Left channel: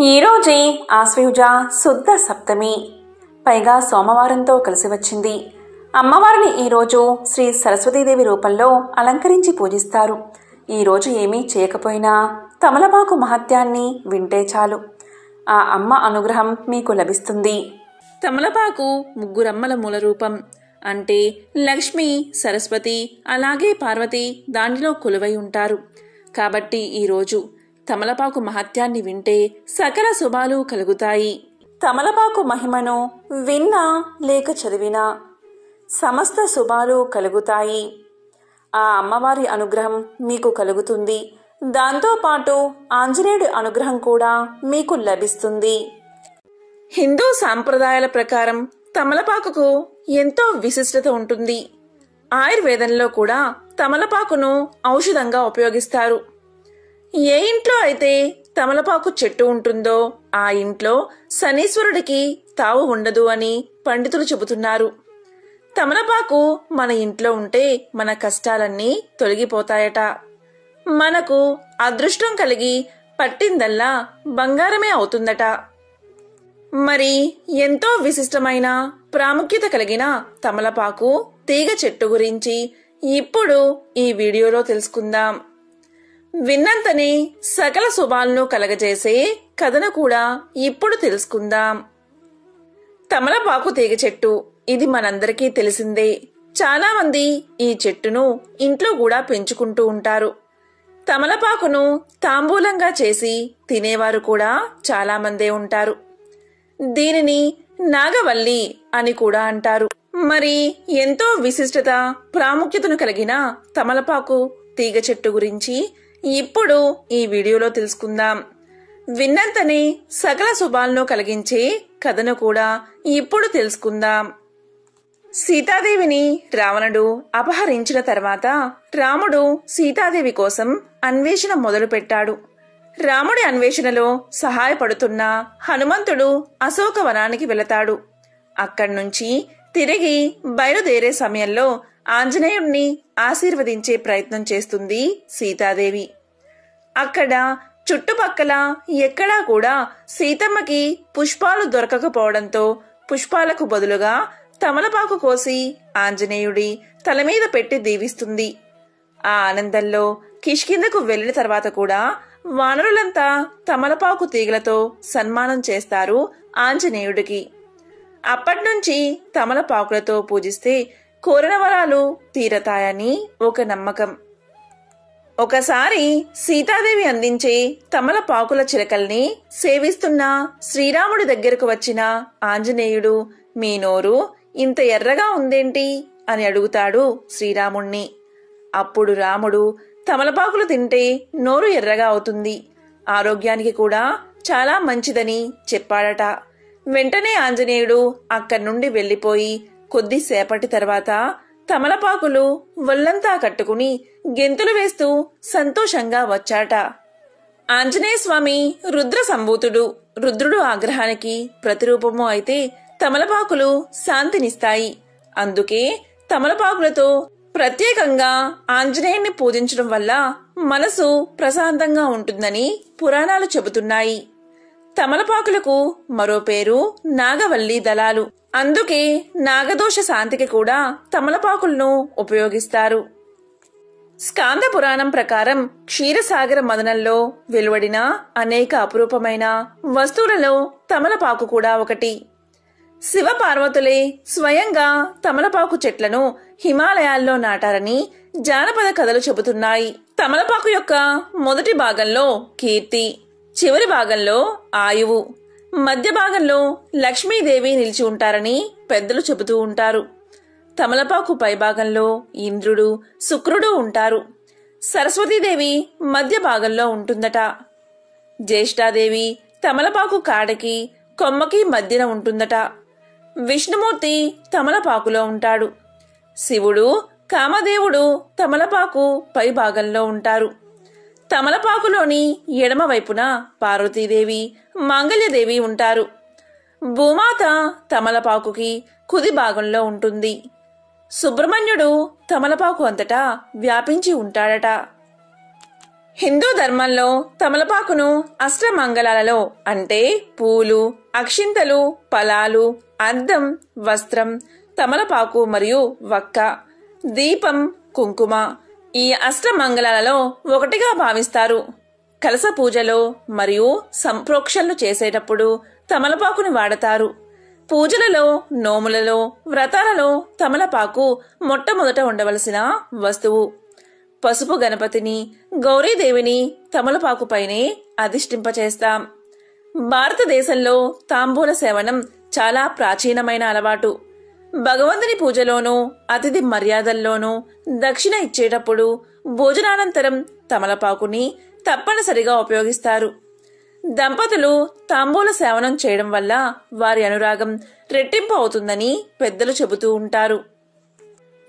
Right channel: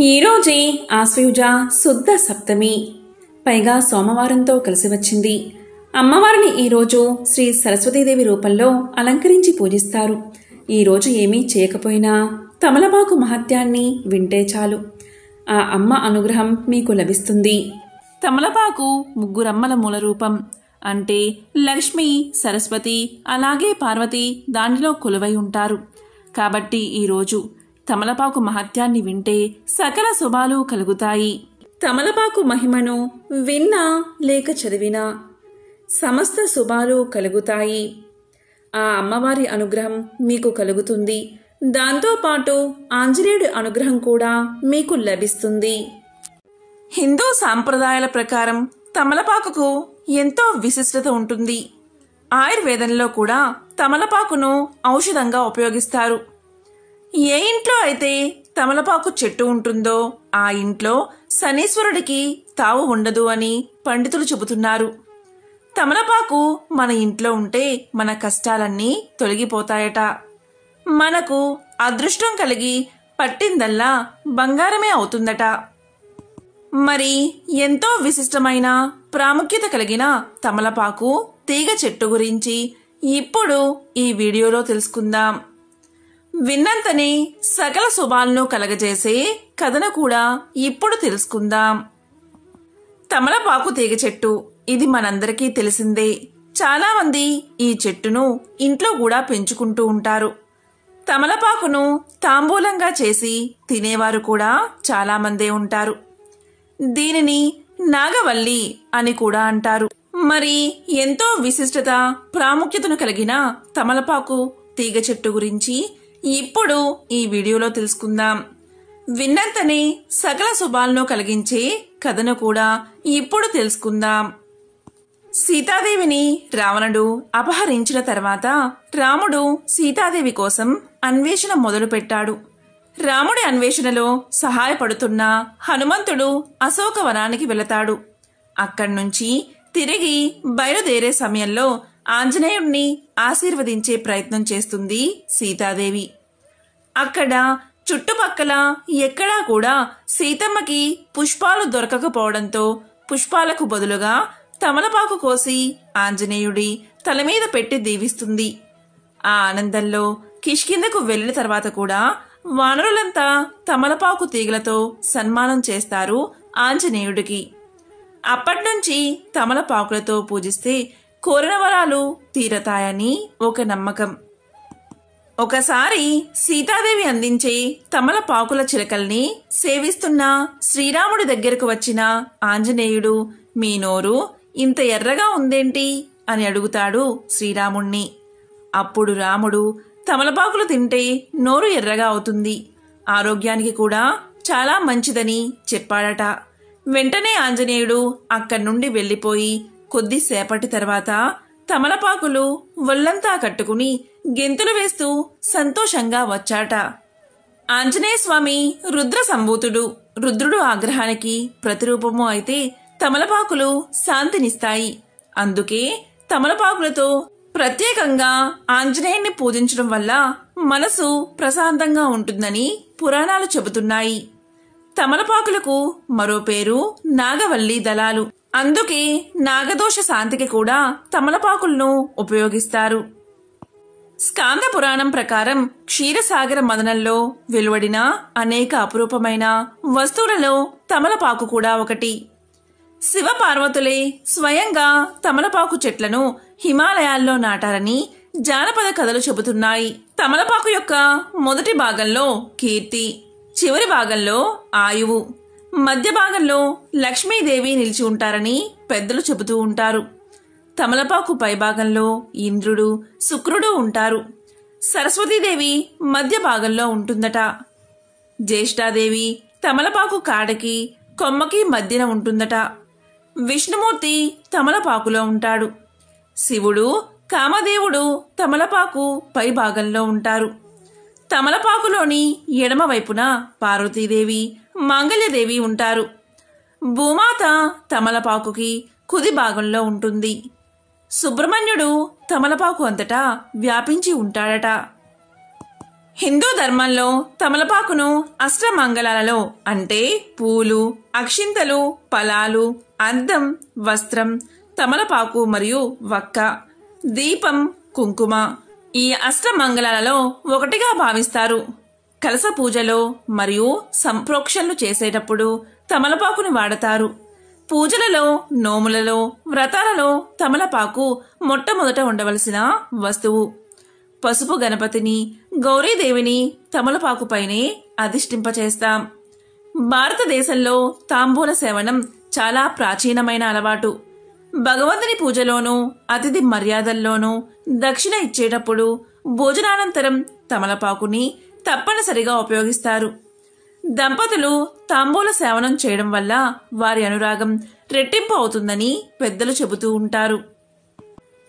ఈరోజే ఆశ్వయుజ శుద్ధ సప్తమి, పైగా సోమవారంతో కలిసి వచ్చింది. అమ్మవారిని ఈరోజు శ్రీ సరస్వతీదేవి రూపంలో అలంకరించి పూజిస్తారు. ఈరోజు ఏమీ చేయకపోయినా తమలపాకు మహత్యాన్ని వింటే చాలు, ఆ అమ్మ అనుగ్రహం మీకు లభిస్తుంది. తమలపాకు ముగ్గురమ్మల మూల రూపం. అంటే లక్ష్మి, సరస్వతి, అలాగే పార్వతి దానిలో కొలువై ఉంటారు. కాబట్టి ఈరోజు తమలపాకు మహత్యాన్ని వింటే సకల శుభాలు కలుగుతాయి. తమలపాకు మహిమను విన్నా లేక చదివినా సమస్త శుభాలు కలుగుతాయి. ఆ అమ్మవారి అనుగ్రహం మీకు కలుగుతుంది. దాంతోపాటు ఆంజనేయుడి అనుగ్రహం కూడా మీకు లభిస్తుంది. హిందూ సాంప్రదాయాల ప్రకారం తమలపాకుకు ఎంతో విశిష్టత ఉంటుంది. ఆయుర్వేదంలో కూడా తమలపాకును ఔషధంగా ఉపయోగిస్తారు. ఏ ఇంట్లో అయితే తమలపాకు చెట్టు ఉంటుందో ఆ ఇంట్లో శనీశ్వరుడికి తావు ఉండదు అని పండితులు చెబుతున్నారు. తమలపాకు మన ఇంట్లో ఉంటే మన కష్టాలన్నీ తొలగిపోతాయట. మనకు అదృష్టం కలిగి పట్టిందల్లా బంగారమే అవుతుందట. మరి ఎంతో విశిష్టమైన ప్రాముఖ్యత కలిగిన తమలపాకు తీగ చెట్టు గురించి ఇప్పుడు ఈ వీడియోలో తెలుసుకుందాం. విన్నంతనే సకల శుభాలను కలగజేసే కథను కూడా ఇప్పుడు తెలుసుకుందాం. తమలపాకు తీగ చెట్టు ఇది మనందరికీ తెలిసిందే. చాలా మంది ఈ చెట్టును ఇంట్లో కూడా పెంచుకుంటూ ఉంటారు. తమలపాకును తాంబూలంగా చేసి తినేవారు కూడా చాలా మందే ఉంటారు. దీనిని నాగవల్లి అని కూడా అంటారు. మరి ఎంతో విశిష్టత ప్రాముఖ్యతను కలిగిన తమలపాకు తీగ చెట్టు గురించి ఇప్పుడు ఈ వీడియోలో తెలుసుకుందాం. విన్నంతనే సకల శుభాలను కలిగించే కథను కూడా ఇప్పుడు తెలుసుకుందాం. సీతాదేవిని రావణుడు అపహరించిన తర్వాత రాముడు సీతాదేవి కోసం అన్వేషణ మొదలుపెట్టాడు. రాముడి అన్వేషణలో సహాయపడుతున్న హనుమంతుడు అశోకవనానికి వెళతాడు. అక్కడి నుంచి తిరిగి బయలుదేరే సమయంలో ఆంజనేయుడిని ఆశీర్వదించే ప్రయత్నం చేస్తుంది సీతాదేవి. అక్కడ చుట్టుపక్కల ఎక్కడా కూడా సీతమ్మకి పుష్పాలు దొరకకపోవడంతో పుష్పాలకు బదులుగా తమలపాకు కోసి ఆంజనేయుడి తల మీద పెట్టి దీవిస్తుంది. ఆ ఆనందంలో కిష్కిందకు వెళ్లిన తర్వాత కూడా వానరులంతా తమలపాకు తీగలతో సన్మానం చేస్తారు ఆంజనేయుడికి. అప్పట్నుంచి తమలపాకులతో పూజిస్తే కోరిన వరాలు తీరతాయని ఒక నమ్మకం. ఒకసారి సీతాదేవి అందించే తమలపాకుల చిలకల్ని సేవిస్తున్న శ్రీరాముడి దగ్గరకు వచ్చిన ఆంజనేయుడు, మీ నోరు ఇంత ఎర్రగా ఉందేంటి అని అడుగుతాడు శ్రీరాముణ్ణి. అప్పుడు రాముడు, తమలపాకులు తింటే నోరు ఎర్రగా అవుతుంది, ఆరోగ్యానికి కూడా చాలా మంచిదని చెప్పాడట. వెంటనే ఆంజనేయుడు అక్కడి నుండి వెళ్లిపోయి కొద్దిసేపటి తర్వాత తమలపాకులు ఒళ్లంతా కట్టుకుని గెంతులు వేస్తూ సంతోషంగా వచ్చాట. ఆంజనేయ స్వామి రుద్ర సంభూతుడు. రుద్రుడు ఆగ్రహానికి ప్రతిరూపము అయితే తమలపాకులు శాంతినిస్తాయి. అందుకే తమలపాకులతో ప్రత్యేకంగా ఆంజనేయుణ్ణి పూజించడం వల్ల మనసు ప్రశాంతంగా ఉంటుందని పురాణాలు చెబుతున్నాయి. తమలపాకులకు మరో పేరు నాగవల్లి దళాలు. అందుకే నాగదోష శాంతికి కూడా తమలపాకులను ఉపయోగిస్తారు. స్కాంద పురాణం ప్రకారం క్షీరసాగర మదనంలో వెలువడిన అనేక అపురూపమైన వస్తువులలో తమలపాకు కూడా ఒకటి. శివ పార్వతులే స్వయంగా తమలపాకు చెట్లను హిమాలయాల్లో నాటారని జానపద కథలు చెబుతున్నాయి. తమలపాకు యొక్క మొదటి భాగంలో కీర్తి, చివరి భాగంలో ఆయువు, మధ్య భాగంలో లక్ష్మీదేవి నిలిచి ఉంటారని పెద్దలు చెబుతూ ఉంటారు. తమలపాకు పై భాగంలో ఇంద్రుడు, శుక్రుడు ఉంటారు. సరస్వతీదేవి మధ్య భాగంలో ఉంటుందట. జ్యేష్ఠాదేవి తమలపాకు కాడకి, కొమ్మకి మధ్యన ఉంటుందట. విష్ణుమూర్తి తమలపాకులో ఉంటాడు. శివుడు, కామదేవుడు తమలపాకు పై భాగంలో ఉంటారు. తమలపాకులోని ఎడమ వైపున పార్వతీదేవి, మాంగళ్యదేవి ఉంటారు. భూమాత తమలపాకుకి కుడి భాగంలో ఉంటుంది. సుబ్రహ్మణ్యుడు తమలపాకు అంతటా వ్యాపించి ఉంటాడట. హిందూ ధర్మంలో తమలపాకును అష్టమంగళాలలో అంటే పూలు, అక్షింతలు, ఫలాలు, అద్దం, వస్త్రం, తమలపాకు మరియు వక్క, దీపం, కుంకుమ ఈ అష్టమంగళాలలో ఒకటిగా భావిస్తారు. కలశ పూజలో మరియు సంప్రోక్షణలు చేసేటప్పుడు తమలపాకుని వాడతారు. పూజలలో, నోములలో, వ్రతాలలో తమలపాకు మొట్టమొదట ఉండవలసిన వస్తువు. పసుపు గణపతిని, గౌరీదేవిని తమలపాకుపైనే అధిష్ఠింపచేస్తాం. భారతదేశంలో తాంబూల సేవనం చాలా ప్రాచీనమైన అలవాటు. భగవంతుని పూజలోనూ, అతిథి మర్యాదల్లోనూ దక్షిణ ఇచ్చేటప్పుడు భోజనానంతరం తమలపాకుని తప్పనిసరిగా ఉపయోగిస్తారు. దంపతులు తాంబూల సేవనం చేయడం వల్ల వారి అనురాగం రెట్టింపు అవుతుందని పెద్దలు చెబుతూ ఉంటారు.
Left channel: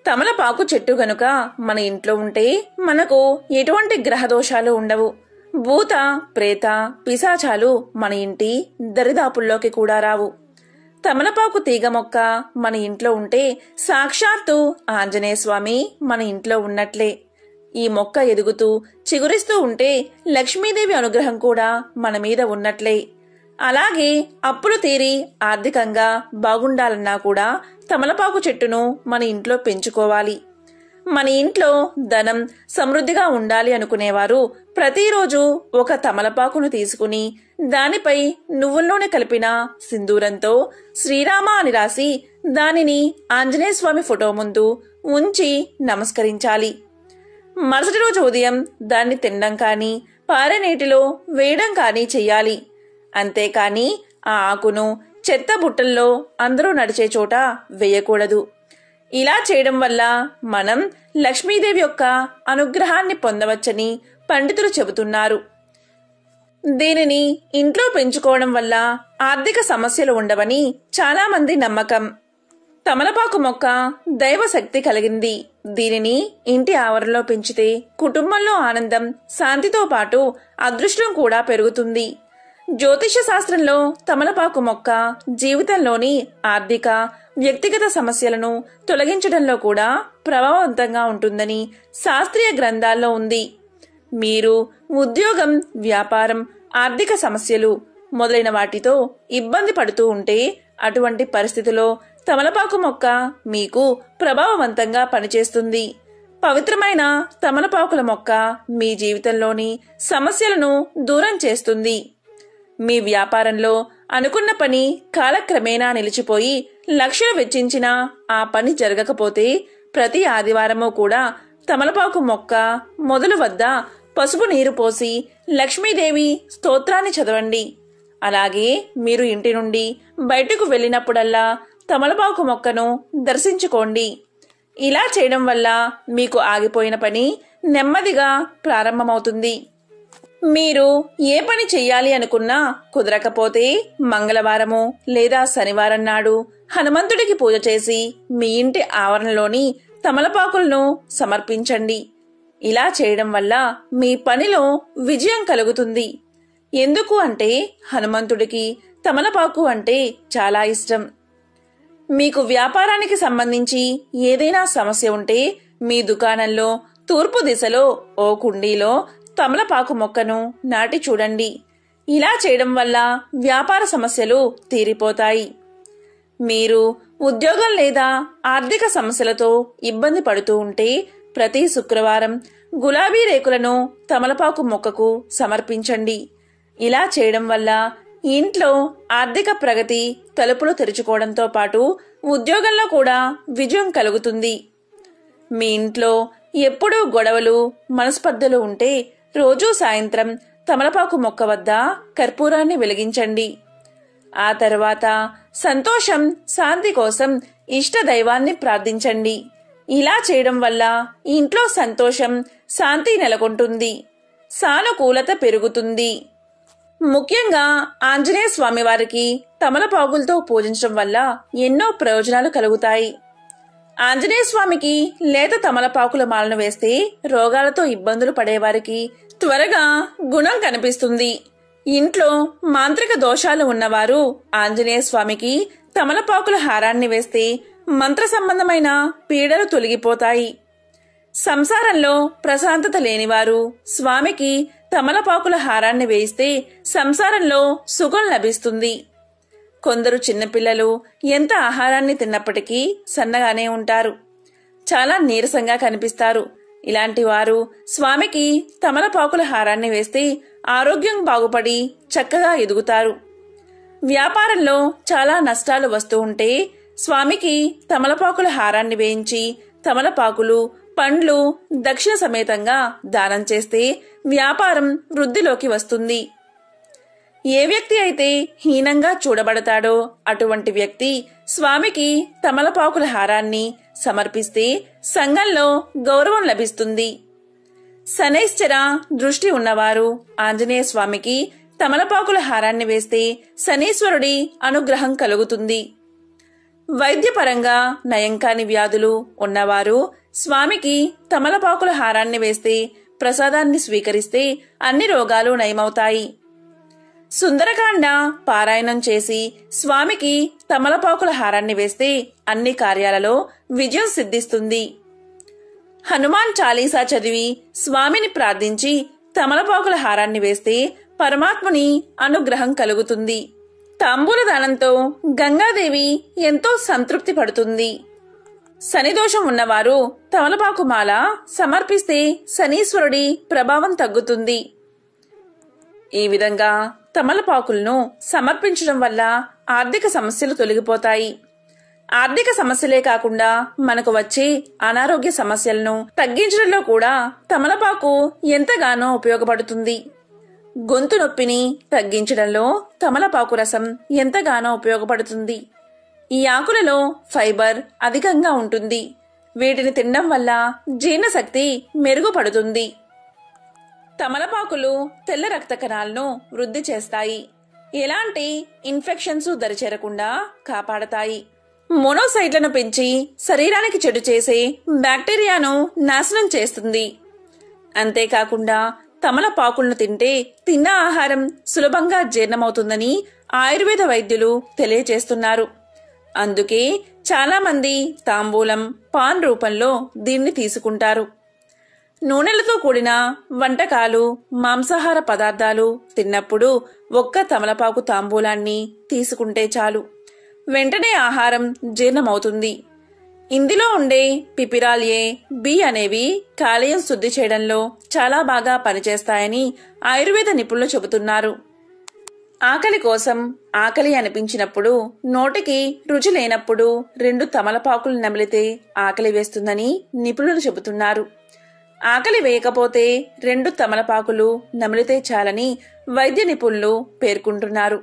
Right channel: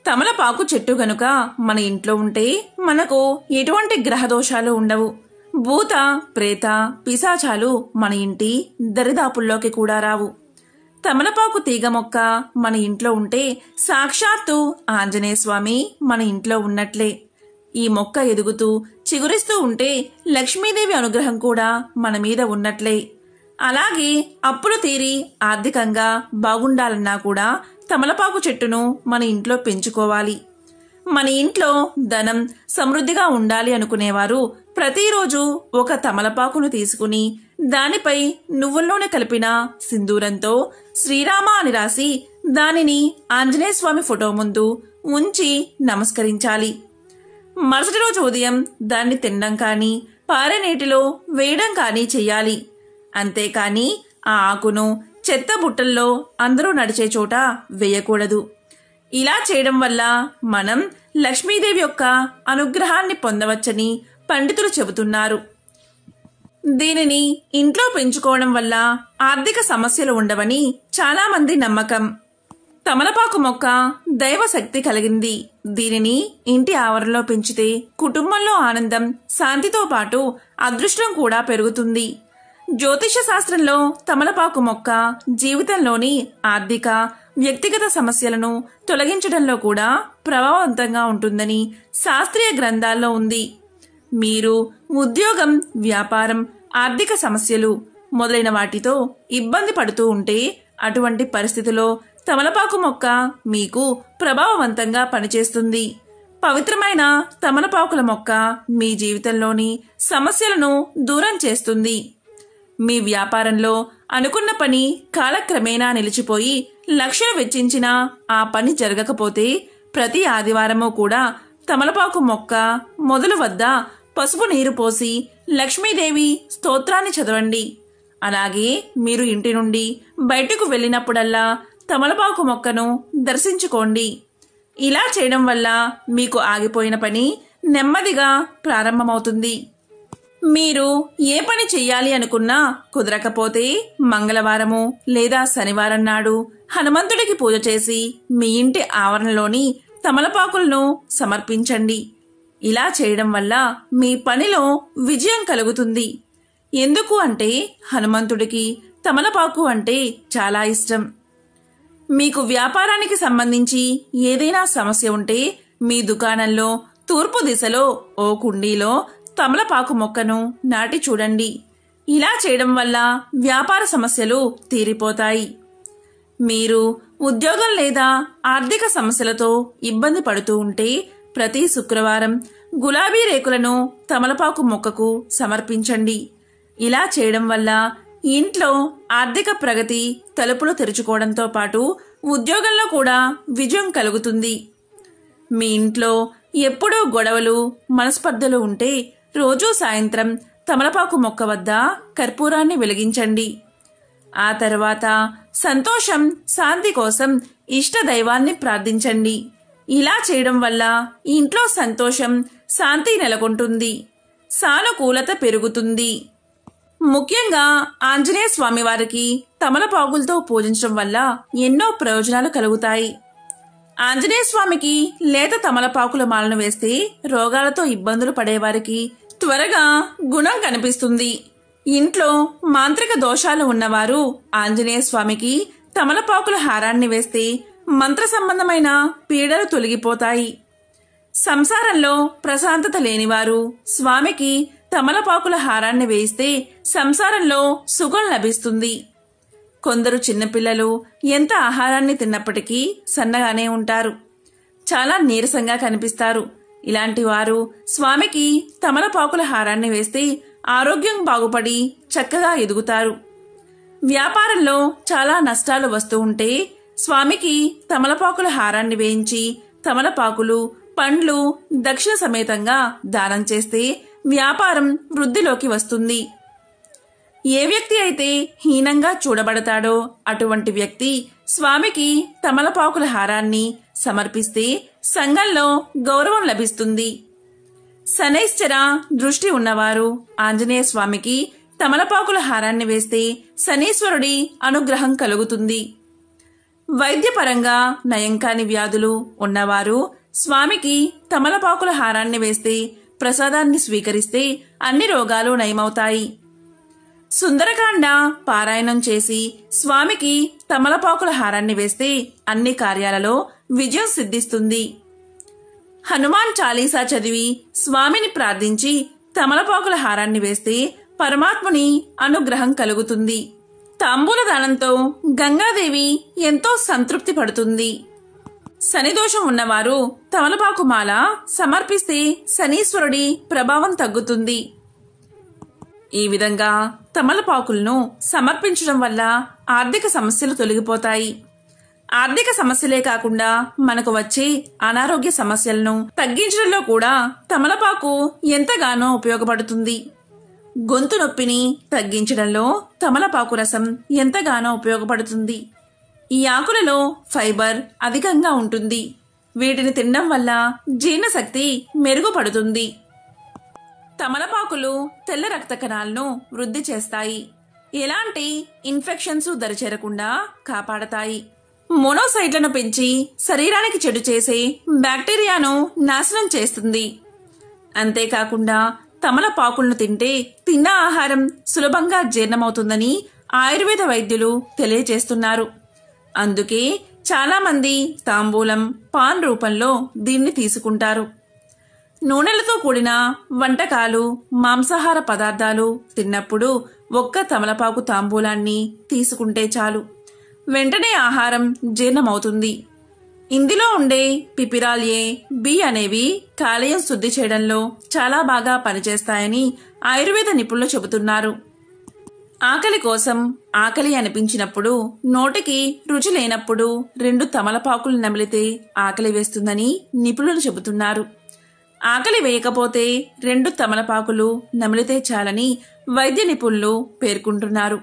తమలపాకు చెట్టు గనుక మన ఇంట్లో ఉంటే మనకు ఎటువంటి గ్రహదోషాలు ఉండవు. భూత, ప్రేత, పిశాచాలు మన ఇంటి దరిదాపుల్లోకి కూడా రావు. తమలపాకు తీగ మొక్క మన ఇంట్లో ఉంటే సాక్షాత్తు ఆంజనేయ స్వామి మన ఇంట్లో ఉన్నట్లే. ఈ మొక్క ఎదుగుతూ చిగురిస్తూ ఉంటే లక్ష్మీదేవి అనుగ్రహం కూడా మన మీద ఉన్నట్లే. అలాగే అప్పులు తీరి ఆర్థికంగా బాగుండాలన్నా కూడా తమలపాకు చెట్టును మన ఇంట్లో పెంచుకోవాలి. మన ఇంట్లో ధనం సమృద్ధిగా ఉండాలి అనుకునేవారు ప్రతిరోజు ఒక తమలపాకును తీసుకుని దానిపై నువ్వుల నూనె కలిపిన సింధూరంతో శ్రీరామ అని రాసి దానిని ఆంజనేయ స్వామి ఫోటో ముందు ఉంచి నమస్కరించాలి. మరుసటి రోజు ఉదయం దాన్ని తినడం కానీ పారే నీటిలో వేయడం కానీ చెయ్యాలి. అంతేకాని ఆ ఆకును చెత్త బుట్టల్లో అందరూ నడిచే చోట వేయకూడదు. ఇలా చేయడం వల్ల మనం లక్ష్మీదేవి యొక్క అనుగ్రహాన్ని పొందవచ్చని పండితులు చెబుతున్నారు. దీనిని ఇంట్లో పెంచుకోవడం వల్ల ఆర్థిక సమస్యలు ఉండవని చాలా మంది నమ్మకం. తమలపాకు మొక్క దైవ శక్తి కలిగింది. దీనిని ఇంటి ఆవరణలో పెంచితే కుటుంబంలో ఆనందం, శాంతితో పాటు అదృష్టం కూడా పెరుగుతుంది. జ్యోతిష శాస్త్రంలో తమలపాకు మొక్క జీవితంలోని ఆర్థిక, వ్యక్తిగత సమస్యలను తొలగించడంలో కూడా ప్రభావవంతంగా ఉంటుందని శాస్త్రీయ గ్రంథాల్లో ఉంది. మీరు ఉద్యోగం, వ్యాపారం, ఆర్థిక సమస్యలు మొదలైన వాటితో ఇబ్బంది పడుతూ ఉంటే అటువంటి పరిస్థితిలో తమలపాకు మొక్క మీకు ప్రభావవంతంగా పనిచేస్తుంది. పవిత్రమైన తమలపాకుల మొక్క మీ జీవితంలోని సమస్యలను దూరం చేస్తుంది. మీ వ్యాపారంలో అనుకున్న పని కాలక్రమేణా నిలిచిపోయి లక్షలు వెచ్చించినా ఆ పని జరగకపోతే ప్రతి ఆదివారము కూడా తమలపాకు మొక్క మొదలు వద్ద పసుపు నీరు పోసి లక్ష్మీదేవి స్తోత్రాన్ని చదవండి. అలాగే మీరు ఇంటి నుండి బయటకు వెళ్ళినప్పుడల్లా తమలపాకు మొక్కను దర్శించుకోండి. ఇలా చేయడం వల్ల మీకు ఆగిపోయిన పని నెమ్మదిగా ప్రారంభమవుతుంది. మీరు ఏ పని చెయ్యాలి అనుకున్నా కుదరకపోతే మంగళవారము లేదా శనివారం నాడు హనుమంతుడికి పూజ చేసి మీ ఇంటి ఆవరణలోని తమలపాకులను సమర్పించండి. ఇలా చేయడం వల్ల మీ పనిలో విజయం కలుగుతుంది. ఎందుకు అంటే హనుమంతుడికి తమలపాకు అంటే చాలా ఇష్టం. మీకు వ్యాపారానికి సంబంధించి ఏదైనా సమస్య ఉంటే మీ దుకాణంలో తూర్పు దిశలో ఓ కుండీలో తమలపాకు మొక్కను నాటి చూడండి. ఇలా చేయడం వల్ల వ్యాపార సమస్యలు తీరిపోతాయి. మీరు ఉద్యోగం లేదా ఆర్థిక సమస్యలతో ఇబ్బంది పడుతూ ఉంటే ప్రతి శుక్రవారం గులాబీ రేకులను తమలపాకు మొక్కకు సమర్పించండి. ఇలా చేయడం వల్ల ఇంట్లో ఆర్థిక ప్రగతి తలుపులు తెరుచుకోవడంతో పాటు ఉద్యోగంలో కూడా విజయం కలుగుతుంది. మీ ఇంట్లో ఎప్పుడూ గొడవలు, మనస్పర్ధలు ఉంటే రోజూ సాయంత్రం తమలపాకు మొక్క వద్ద కర్పూరాన్ని వెలిగించండి. ఆ తర్వాత సంతోషం, శాంతి కోసం ఇష్ట దైవాన్ని ప్రార్థించండి. ఇలా చేయడం వల్ల ఇంట్లో సంతోషం, శాంతి నెలకొంటుంది, సానుకూలత పెరుగుతుంది. ముఖ్యంగా ఆంజనేయ స్వామి వారికి తమలపాకులతో పూజించడం వల్ల ఎన్నో ప్రయోజనాలు కలుగుతాయి. ఆంజనేయ స్వామికి లేత తమలపాకుల మాలను వేస్తే రోగాలతో ఇబ్బందులు పడేవారికి త్వరగా గుణం కనిపిస్తుంది. ఇంట్లో మాంత్రిక దోషాలు ఉన్నవారు ఆంజనేయ స్వామికి తమలపాకుల హారాన్ని వేస్తే మంత్ర సంబంధమైన పీడలు తొలగిపోతాయి. సంసారంలో ప్రశాంతత లేనివారు స్వామికి తమలపాకుల హారాన్ని వేయిస్తే సంసారంలో సుఖం లభిస్తుంది. కొందరు చిన్నపిల్లలు ఎంత ఆహారాన్ని తిన్నప్పటికీ సన్నగానే ఉంటారు, చాలా నీరసంగా కనిపిస్తారు. ఇలాంటి వారు స్వామికి తమలపాకుల హారాన్ని వేస్తే ఆరోగ్యం బాగుపడి చక్కగా ఎదుగుతారు. వ్యాపారంలో చాలా నష్టాలు వస్తూ ఉంటే స్వామికి తమలపాకుల హారాన్ని వేయించి తమలపాకులు, పండ్లు దక్షిణ సమేతంగా దానం చేస్తే వ్యాపారం వృద్ధిలోకి వస్తుంది. ఏ వ్యక్తి అయితే హీనంగా చూడబడతాడో అటువంటి వ్యక్తి స్వామికి తమలపాకుల హారాన్ని సమర్పిస్తే సంఘంలో గౌరవం లభిస్తుంది. శనైశ్చర దృష్టి ఉన్నవారు ఆంజనేయ స్వామికి తమలపాకుల హారాన్ని వేస్తే శనీశ్వరుడి అనుగ్రహం కలుగుతుంది. వైద్యపరంగా నయం కాని వ్యాధులు ఉన్నవారు స్వామికి తమలపాకుల హారాన్ని వేస్తే ప్రసాదాన్ని స్వీకరిస్తే అన్ని రోగాలు నయమవుతాయి. సుందరకాండ పారాయణం చేసి స్వామికి తమలపాకుల హారాన్ని వేస్తే అన్ని కార్యాలలో విజయం సిద్ధిస్తుంది. హనుమాన్ చాలీసా చదివి స్వామిని ప్రార్థించి తమలపాకుల హారాన్ని వేస్తే పరమాత్ముని అనుగ్రహం కలుగుతుంది. తాంబూల దానంతో గంగాదేవి ఎంతో సంతృప్తి పడుతుంది. శనిదోషం ఉన్నవారు తమలపాకు మాల సమర్పిస్తే శనీశ్వరుడి ప్రభావం తగ్గుతుంది. ఈ విధంగా తమలపాకులను సమర్పించడం వల్ల ఆర్థిక సమస్యలు తొలగిపోతాయి. ఆర్థిక సమస్యలే కాకుండా మనకు వచ్చే అనారోగ్య సమస్యలను తగ్గించడంలో కూడా తమలపాకు ఎంతగానో ఉపయోగపడుతుంది. గొంతు నొప్పిని తగ్గించడంలో తమలపాకు రసం ఎంతగానో ఉపయోగపడుతుంది. ఈ ఆకులలో ఫైబర్ అధికంగా ఉంటుంది. వీటిని తినడం వల్ల జీర్ణశక్తి మెరుగుపడుతుంది. తమలపాకులు తెల్ల రక్త కణాలను వృద్ధి చేస్తాయి. ఎలాంటి ఇన్ఫెక్షన్స్ దరిచేరకుండా కాపాడతాయి. మోనోసైట్లను పెంచి శరీరానికి చెడు చేసే బ్యాక్టీరియాను నాశనం చేస్తుంది. అంతేకాకుండా తమలపాకులను తింటే తిన్న ఆహారం సులభంగా జీర్ణమవుతుందని ఆయుర్వేద వైద్యులు తెలియజేస్తున్నారు. అందుకే చాలా మంది తాంబూలం, పాన్ రూపంలో దీన్ని తీసుకుంటారు. నూనెలతో కూడిన వంటకాలు, మాంసాహార పదార్థాలు తిన్నప్పుడు ఒక్క తమలపాకు తాంబూలాన్ని తీసుకుంటే చాలు, వెంటనే ఆహారం జీర్ణమవుతుంది. ఇందులో ఉండే పిపిరాల్ ఏ, బి అనేవి కాలేయం శుద్ధి చేయడంలో చాలా బాగా పనిచేస్తాయని ఆయుర్వేద నిపుణులు చెబుతున్నారు. ఆకలి కోసం ఆకలి అనిపించినప్పుడు, నోటికి రుచి లేనప్పుడు 2 తమలపాకులు నమిలితే ఆకలి వేస్తుందని నిపుణులు చెబుతున్నారు. ఆకలి వేయకపోతే 2 తమలపాకులు నమిలితే చాలని వైద్య నిపుణులు పేర్కొంటున్నారు.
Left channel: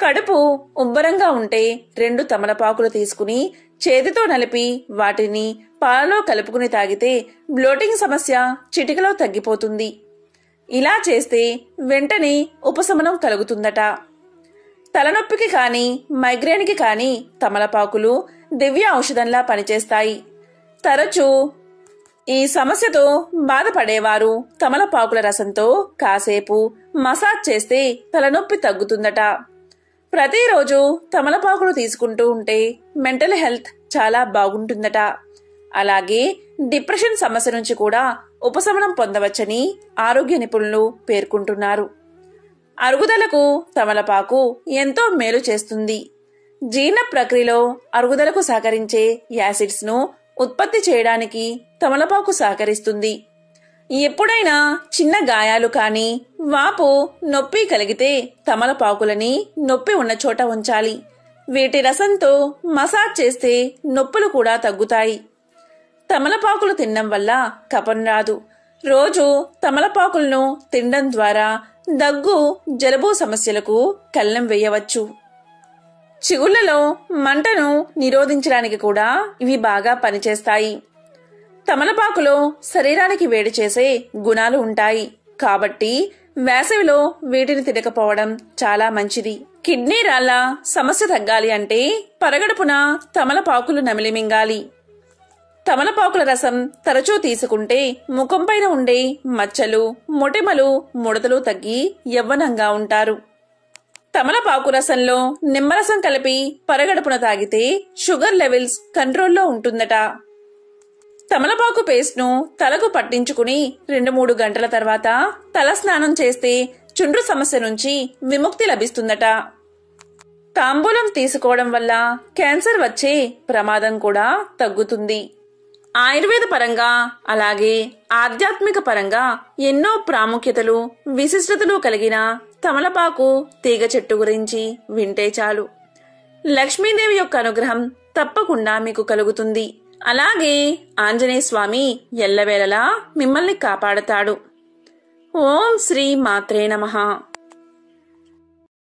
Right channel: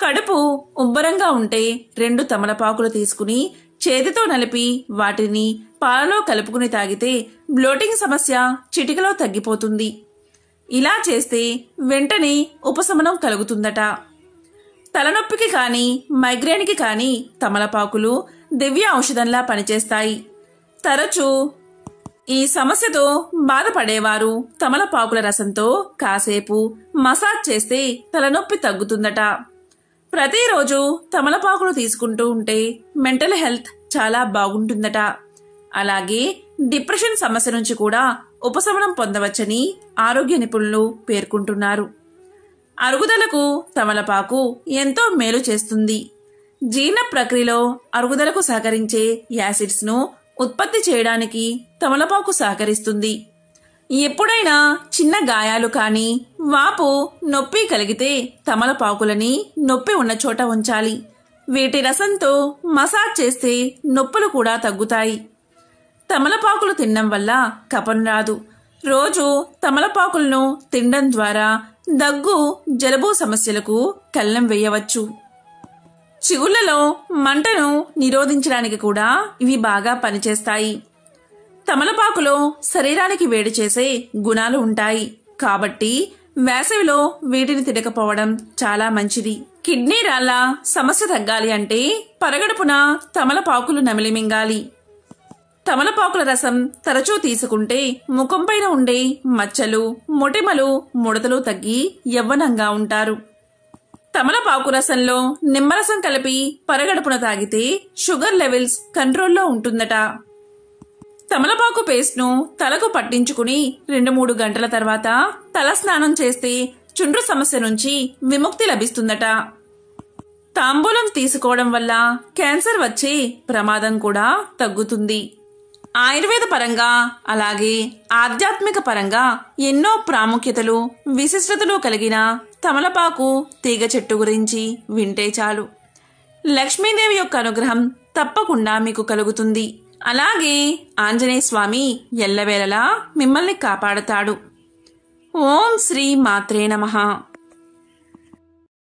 కడుపు ఉబ్బరంగా ఉంటే 2 తమలపాకులు తీసుకుని చేతితో నలిపి వాటిని పాలలో కలుపుకుని తాగితే బ్లోటింగ్ సమస్య చిటికలో తగ్గిపోతుంది. ఇలా చేస్తే వెంటనే ఉపశమనం కలుగుతుందట. తలనొప్పికి కానీ మైగ్రేన్కి కానీ తమలపాకులు దివ్య ఔషధంలా పనిచేస్తాయి. తరచూ ఈ సమస్యతో బాధపడేవారు తమలపాకుల రసంతో కాసేపు మసాజ్ చేస్తే తలనొప్పి తగ్గుతుందట. ప్రతిరోజు తమలపాకులు తీసుకుంటూ ఉంటే మెంటల్ హెల్త్ చాలా బాగుంటుందట. అలాగే డిప్రెషన్ సమస్య నుంచి కూడా ఉపశమనం పొందవచ్చని ఆరోగ్య నిపుణులు పేర్కొంటున్నారు. అరుగుదలకు తమలపాకు ఎంతో మేలు చేస్తుంది. జీర్ణ ప్రక్రియలో అరుగుదలకు సహకరించే యాసిడ్స్ ను ఉత్పత్తి చేయడానికి తమలపాకు సహకరిస్తుంది. ఎప్పుడైనా చిన్న గాయాలు కానీ వాపు, నొప్పి కలిగితే తమలపాకులని నొప్పి ఉన్న చోట ఉంచాలి. వీటి రసంతో మసాజ్ చేస్తే నొప్పులు కూడా తగ్గుతాయి. తమలపాకులు తినడం వల్ల కఫం రాదు. రోజు తమలపాకులను తినడం ద్వారా దగ్గు, జలుబు సమస్యలకు కళ్ళెం వేయవచ్చు. చిగుళ్లలో మంటను నిరోధించడానికి కూడా ఇవి బాగా పనిచేస్తాయి. తమలపాకులో శరీరానికి వేడి చేసే గుణాలు ఉంటాయి కాబట్టి వేసవిలో వీటిని తినకపోవడం చాలా మంచిది. కిడ్నీ రాళ్ల సమస్య తగ్గాలి అంటే పరగడుపున తమలపాకులు నమిలి మింగాలి. తమలపాకుల రసం తరచూ తీసుకుంటే ముఖంపైన ఉండే మచ్చలు, మొటిమలు, ముడతలు తగ్గి యవ్వనంగా ఉంటారు. తమలపాకు రసంలో నిమ్మరసం కలిపి పరగడుపున తాగితే షుగర్ లెవెల్స్ కంట్రోల్లో ఉంటుందట. తమలపాకు పేస్ట్ను తలకు పట్టించుకుని 2-3 గంటల తర్వాత తల స్నానం చేస్తే చుండ్రు సమస్య నుంచి విముక్తి లభిస్తుందట. తాంబూలం తీసుకోవడం వల్ల క్యాన్సర్ వచ్చే ప్రమాదం కూడా తగ్గుతుంది. ఆయుర్వేద పరంగా అలాగే ఆధ్యాత్మిక పరంగా ఎన్నో ప్రాముఖ్యతలు విశిష్టతలు కలిగిన తమలపాకు తీగ చెట్టు గురించి వింటే చాలు లక్ష్మీదేవి యొక్క అనుగ్రహం తప్పకుండా మీకు కలుగుతుంది. అలాగే ఆంజనేయ స్వామి ఎల్లవేళలా మిమ్మల్ని కాపాడతాడు. ఓం శ్రీ మాత్రే నమః.